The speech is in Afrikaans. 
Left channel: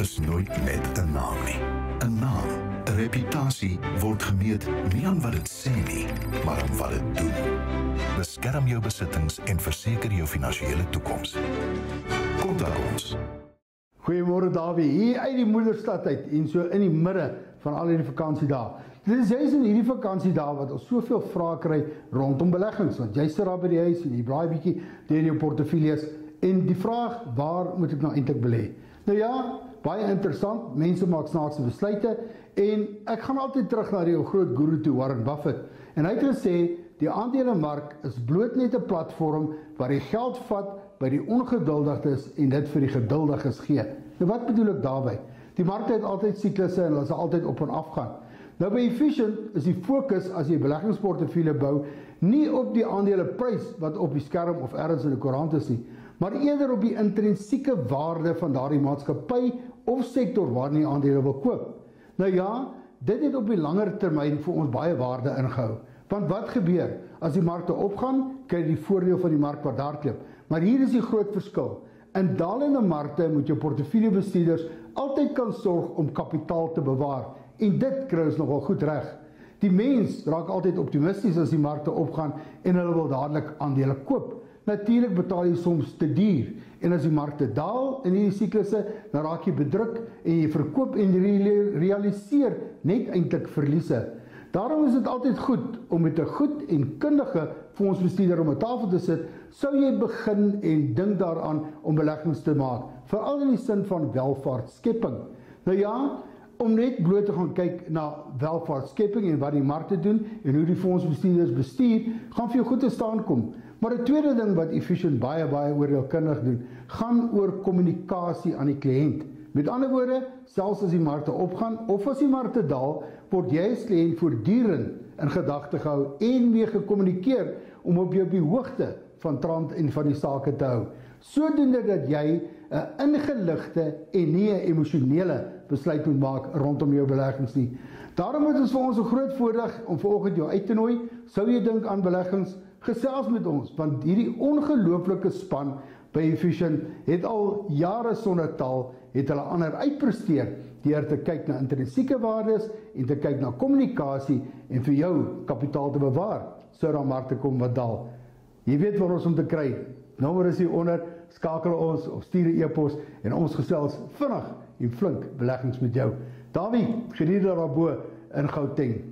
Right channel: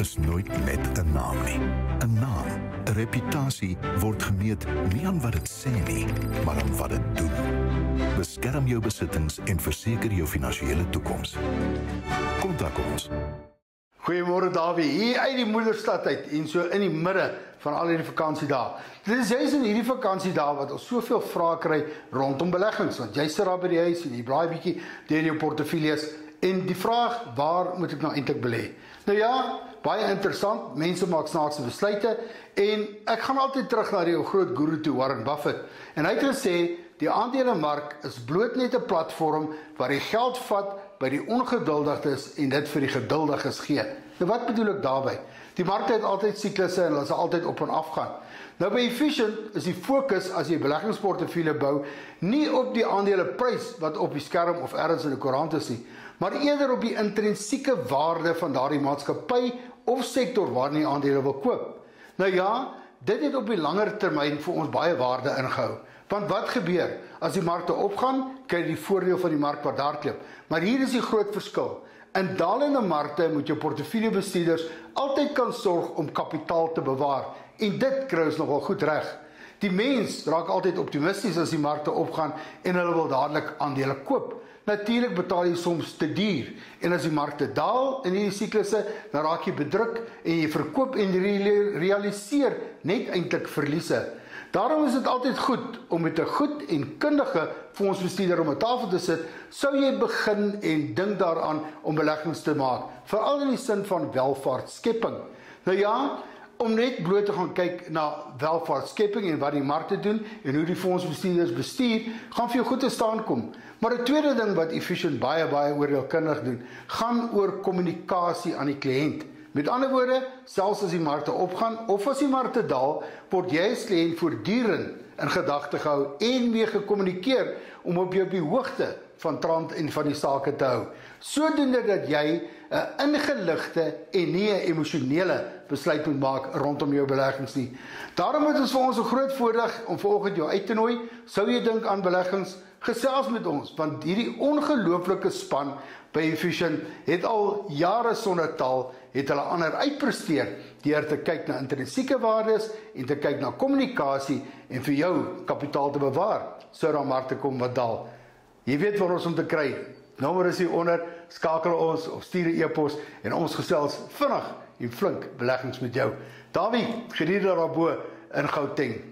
is nooit net 'n naam nie. 'n Naam, 'n reputasie word gemeet nie aan wat dit sê nie, maar aan wat dit doen. Beskerm jou besittings en verseker jou finansiële toekoms. Kontak ons. Goeiemôre Dawie, hier uit die moederstad uit en so in die midde van al hierdie vakansiedae. Dit is juist in hierdie vakansiedae wat ons soveel vrae kry rondom beleggings, want jy sit daar by die huis en jy braai bietjie deur jou portefeuilles en die vraag, waar moet ek nou eintlik belê? Nou ja, baie interessant, mense maak snaakse besluite en ek gaan altyd terug na die groot guru toe, Warren Buffett. En hy het gesê, die aandelemark is bloot net 'n platform waar jy geld vat by die ongeduldiges en dit vir die geduldiges gee. Nou wat bedoel ek daarby? Die markte het altyd siklusse en hulle sal altyd op en af gaan. Nou by Efficient is die fokus as jy beleggingsportefeulje bou nie op die aandeleprys wat op die skerm of ergens in die koerant is nie, maar eerder op die intrinsieke waarde van daardie maatskappy of sektor waarin jy aandele wil koop. Nou ja, dit het op die langer termyn vir ons baie waarde ingehou. Want wat gebeur? As die markte opgaan, kry jy die voordeel van die mark wat daar klip. Maar hier is die groot verskil. In dalende markte moet jou portefeuljebestuurders altyd kan sorg om kapitaal te bewaar. En dit kry ons nogal goed reg. Die mens raak altyd optimisties as die markte opgaan en hulle wil dadelik aandele koop. Natuurlik betaal jy soms te duur. En as die markte daal in hierdie siklusse, dan raak jy bedruk en jy verkoop en realiseer net eintlik verliese. Daarom is dit altyd goed om met 'n goed en kundige fondsbestuurder om 'n tafel te sit, sou jy begin en dink daaraan om beleggings te maak, veral in die sin van welvaartskepping. Nou ja, om net bloot te gaan kyk na welvaartskepping en wat die markte doen en hoe die fondsbestuurders bestuur, gaan vir jou goed te staan kom. Maar 'n tweede ding wat Efficient baie oordeelkundig doen, gaan oor kommunikasie aan die kliënt. Met ander woorde, selfs as die markte opgaan of as die markte daal, word jy as kliënt voortdurend in gedagte gehou en mee gekommunikeer om op jou op die hoogte van trant en van die sake te hou. Sodoende dat jy 'n ingeligte en nie 'n emosionele besluit moet maak rondom jou beleggings nie. Daarom het ons vir ons 'n groot voordeel om vanoggend jou uit te nooi. Sou jy dink aan beleggings, gesels met ons, want hierdie ongelooflike span by Efficient het al jare sonder taal, het hulle ander uitpresteer deur te kyk na intrinsieke waardes en te kyk na kommunikasie en vir jou kapitaal te bewaar, sou daar markte kom wat daal. Jy weet waar ons om te kry. Nommer is hier onder, skakel ons of stuur 'n e-pos en ons gesels vinnig en flink beleggings met jou. Dawie, geniet daarbo in Gauteng.